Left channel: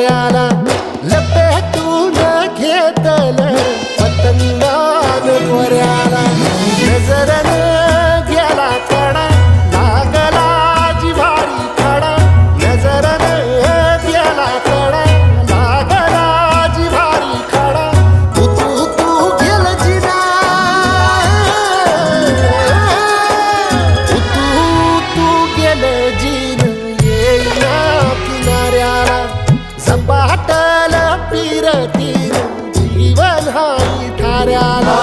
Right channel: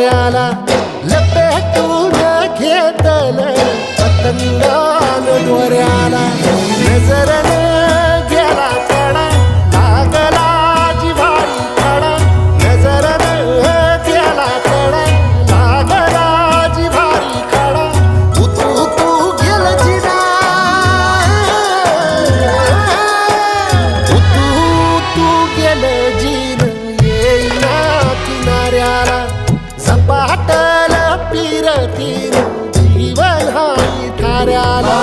किनाऱ्याला लपेटून घेतल पतंगान दोऱ्याला नजरन गेला कडा लागला जिव्हारी खडा नजरन गेला कडा लागला जिव्हारी खडा तू गेल जिना तू गेल जिन येईना किनाऱ्याला झपाटल पिरतीन जीवन हाई ठाऱ्याला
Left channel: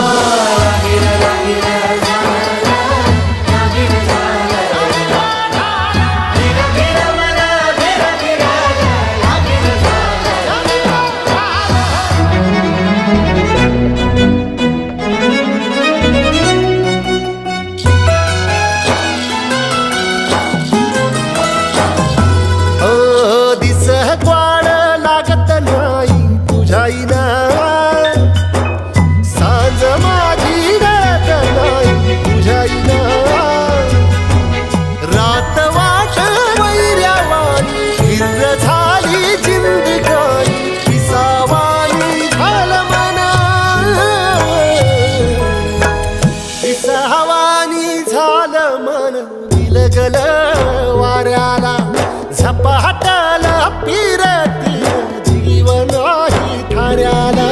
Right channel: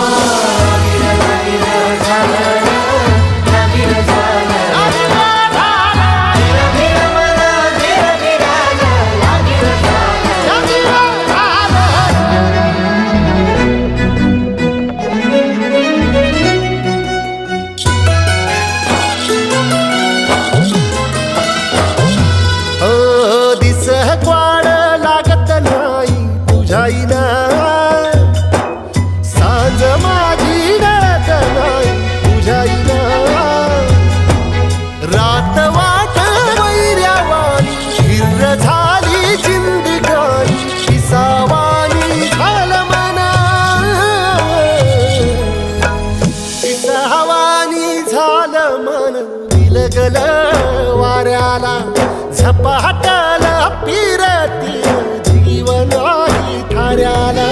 क्वाड लागत नाही तुझ्याईना सांज माझी गळत नाही तुझ्याईना रात वाट वैर्यावानी हिर झाली जिंदगानी पिसावानी झालं मना पिसावानी झालं मन दिलगल वाऱ्याला झपाटल पिरती जीवन ही ठाऱ्याला